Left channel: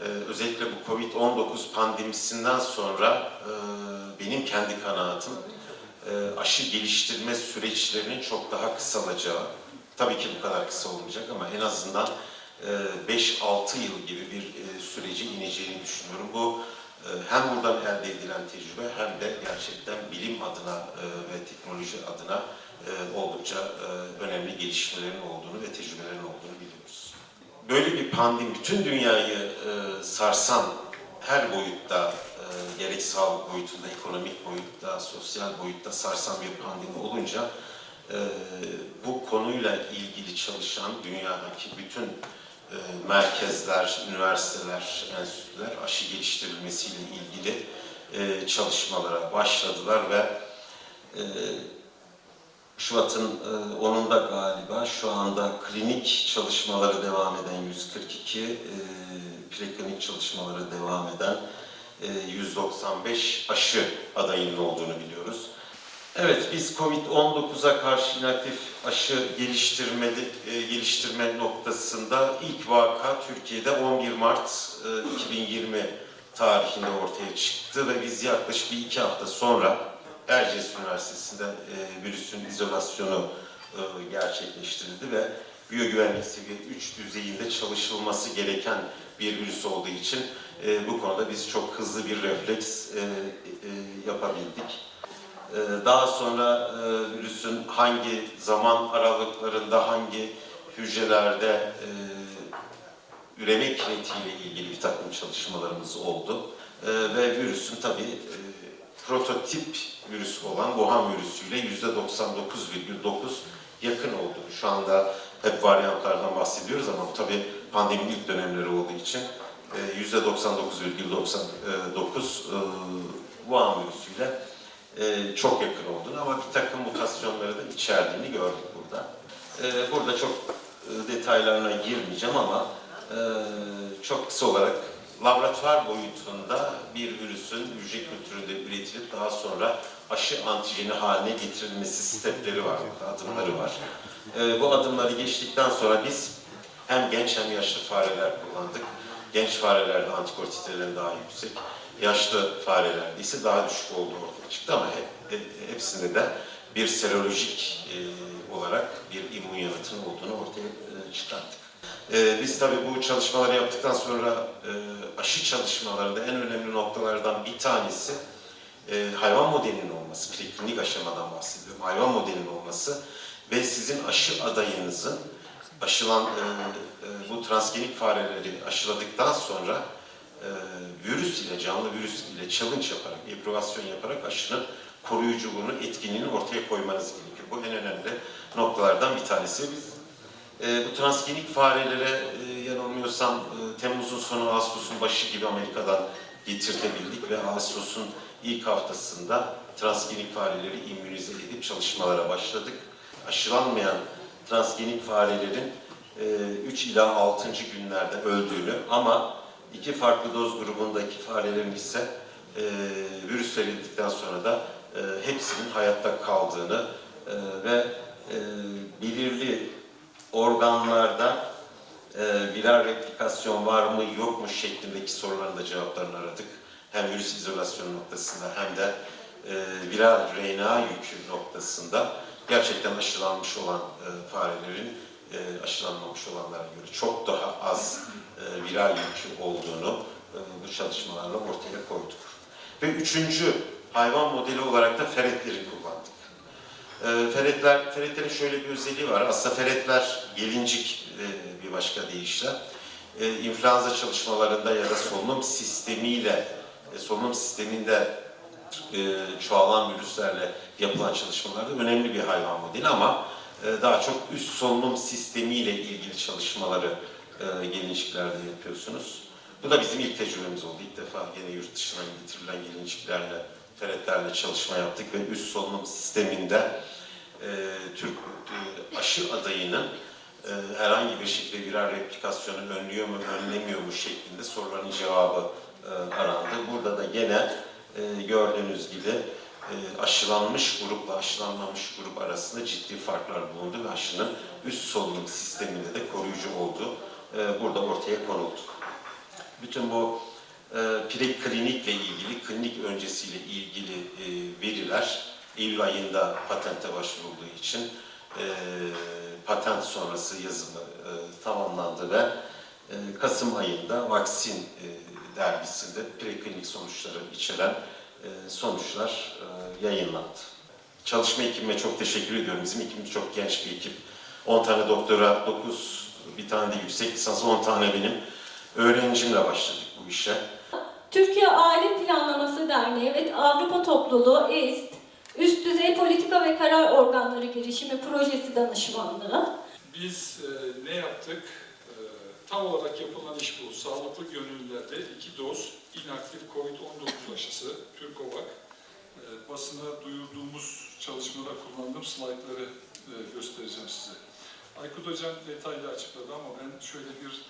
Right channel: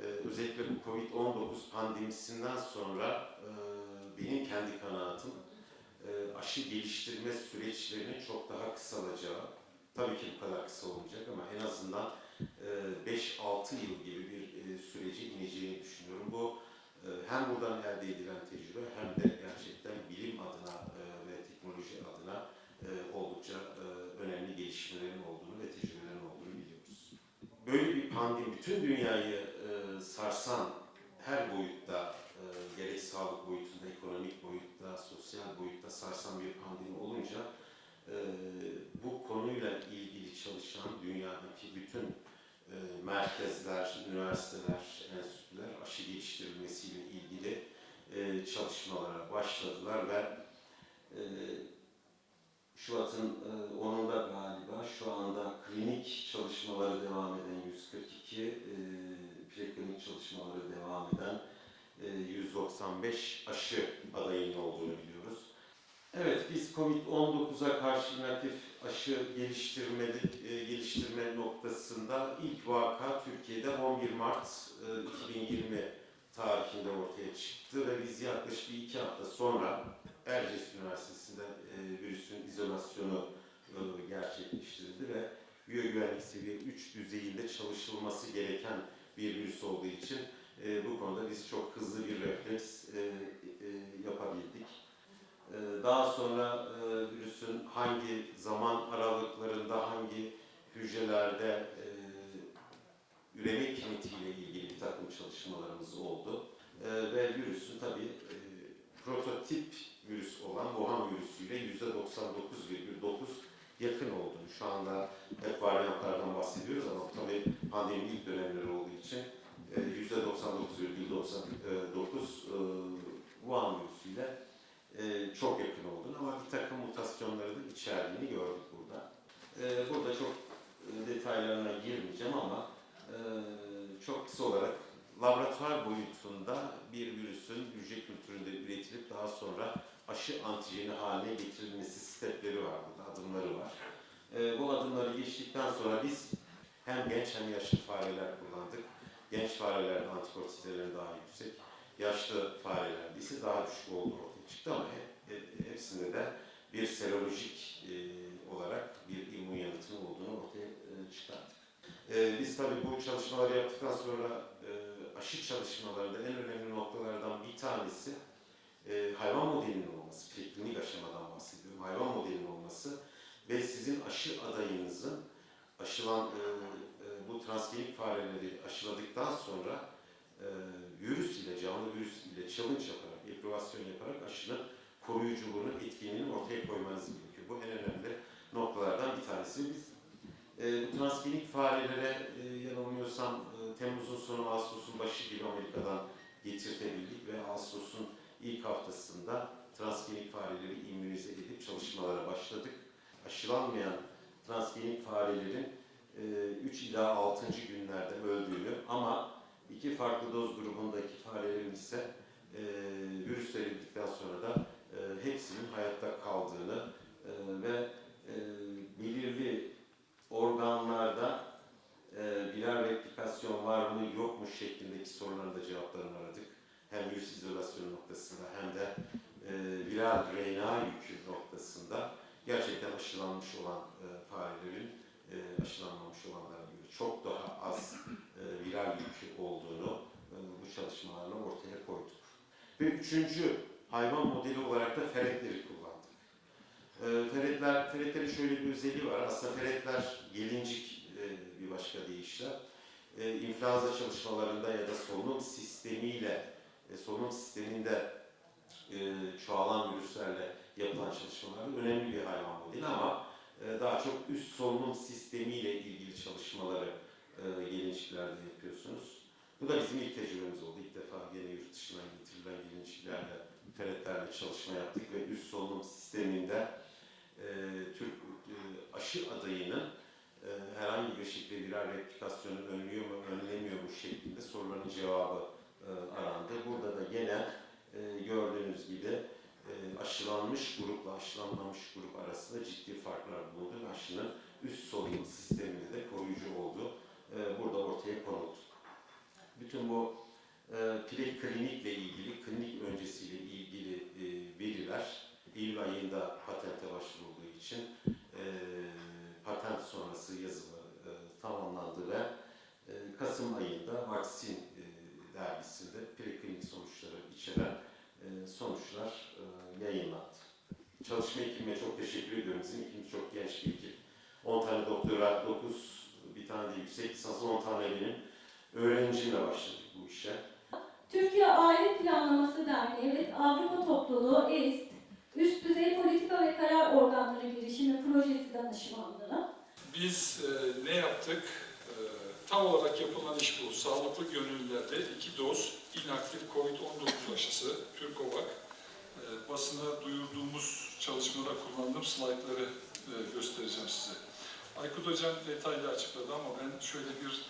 Ee, özellikle bu Covid-19 pandemisinden sonra e, benim kendi kanaatim e, aşı geliştirme süreçlerinin çok daha kısalacağı. Tabii ki bu kadar kısa olmayacak ama en azından e, 5-6 yıl gibi bir e, süreci ineceğini düşünüyorum. Bu e, hem buradan elde edilen tecrübe hem de gerçekten bilim adına e, ve teknoloji adına e, oldukça e, önemli gelişmelerin olduğunu ve tecrübelerin olduğunu biliyoruz. Böyle bir pandemi bütün dünyayı e, sarsan her boyutta e, gerek sağlık boyutunda, ekonomik boyutta, sosyal boyutta sarsan bir pandemi olunca e, bu konuyla ilgili çalışan dünyadaki bütün e, merkezler, üniversiteler, enstitüler aşı geliştirilmesiyle ilgili e, çalışmalara başladılar ve e, Şubat'ın e, 10'unda galiba şu anda klinik çalışmaları devam eden 142, e, preklinik çalışmaları devam eden e, 195 aşı adayının olduğunu biliyoruz. Evet, biz COVID-19'a karşı inaktif aşı geliştirmeli, e, geliştirme noktasında ilk vaka Türkiye'de 11 Mart e, 2020 tarihinde ortaya çıktı ve biz yaklaşık bir iki hafta sonra Erciyes Üniversitesi'nde e, virüsün izolasyonu e, gerçekleştirildi ve biyogüvenlik seviye 3 düzeyinde çalışılması gereken bir virüs olduğu için e, bu konuda biz çok hızlı bir refleks e, e, yapabildik. Ee, Daha sonra e, virüsün hangi zaman aralıklarında, hangi hücrelerde e, üreme kinetiğiyle ilgili bir takım çalışmalarımız oldu. E, Ve virüsün tabii e, prototip virüs olan Wuhan virüsüyle %99,9 yakın olduğu. Şu anda hep varyantlardan bahsediyoruz ama bu tabii pandeminin ilk dönemleri olduğu için e, %99,99 e, Wuhan virüsüyle e, çok yakın olduğunu ama bir takım mutasyonları da içerdiğini gördük burada. E, burada çok e, detaylarına girmeyeceğim ama e, çok kısa olarak laboratuvar boyutunda bir virüsün hücre kültüründe üretilip daha sonra aşı antijeni haline getirilmesi stepleri var, adımları var. E, bu adımları geçtikten sonra biz hem genç hem yaşlı fareler kullandık. Genç farelerde antikor titreleri daha yüksek, yaşlı farelerde ise daha düşük olduğu ortaya çıktı ama hep, hep- hepsinde de bir serolojik e, olarak bir immün yanıtın olduğunu ortaya e, çıkarttık. E, biz tabii bu çalışmaları yaptıktan sonra e, aşı çalışmalarında en önemli noktalardan bir tanesi e, hayvan modelinin olması, preklinik aşamadan bahsediyorum, hayvan modelinin olması ve sizin aşı adayınızın aşılan e, e, bu transgenik fareleri aşıladıktan sonra e, virüs ile, canlı virüs ile challenge yaparak, eprobasyon yaparak aşının koruyuculuğunu, etkinliğini ortaya koymanız gerekiyor. Bu en önemli noktalardan bir tanesi. Biz e, bu transgenik farelere e, yanılmıyorsam e, Temmuz'un sonu, Ağustos'un başı gibi Amerika'dan getirtebildik ve Ağustos'un ilk haftasında transgenik fareleri immünize edip çalışmalara başladık. Aşılanmayan transgenik farelerin 3 ila 6. günlerde öldüğünü ama iki farklı doz grubundaki farelerin ise e, virüs verildikten sonra da e, hepsinin hayatta kaldığını e, ve e, belirli organlarda e, viral replikasyon var mı yok mu şeklindeki soruların da cevaplarını aradık. Hem virüs izolasyonu noktasında hem de e, viral RNA yükü noktasında gerçekten aşılanmış olan e, farelerin e, aşılanmamış olanlara göre çok daha az e, viral yükü olduğunu e, bu çalışmalarla ortaya koyduk. Ve üçüncü hayvan modeli olarak da feretleri kullandık. E, feretler, feretlerin şöyle bir özelliği var. Aslında feretler gelincik e, bir başka deyişle. E, çalışmalarında ya da solunum sistemiyle, e, solunum sisteminde e, çoğalan virüslerle yapılan çalışmalarda önemli bir hayvan modeli ama daha çok üst solunum sistemiyle ilgili çalışmaları gelinciklerde yapıyorsunuz. Bu da bizim ilk tecrübemiz oldu. İlk defa yine yurt dışından getirilen gelinciklerle, feretlerle çalışma yaptık ve üst solunum sisteminde e, Türk e, aşı adayının e, herhangi bir şekilde viral replikasyonu önlüyor mu, önlemiyor mu şeklinde soruların cevabı e, arandı. Burada da gene e, gördüğünüz gibi e, aşılanmış grupla aşılanmamış grup arasında ciddi farklar bulundu ve aşının üst solunum sisteminde de koruyucu olduğu e, burada ortaya konuldu. bütün bu e, preklinikle ilgili, klinik öncesiyle Eylül ayında patente başvurulduğu için e, patent sonrası yazımı e, tamamlandı ve e, Kasım ayında Vaksin e, dergisinde preklinik sonuçları içeren e, sonuçlar e, yayınlandı. Çalışma ekibime çok teşekkür ediyorum. Bizim ekibimiz çok genç bir ekip. 10 tane doktora, 9 bir tane de yüksek lisans, 10 tane benim öğrencimle başladık bu işe. Türkiye Aile Planlaması Derneği ve Avrupa Topluluğu EİST, Üst Düzey Politika ve Karar Organları Girişimi Projesi Danışmanlığı, Biz e, ne yaptık? E, tam olarak yapılan iş bu. Sağlıklı gönüllülerde iki doz inaktif COVID-19 aşısı, Türkovak. E, basına duyurduğumuz çalışmada kullandığım slaytları e, göstereceğim size. Aykut Hocam detaylı açıkladı ama ben şöyle bir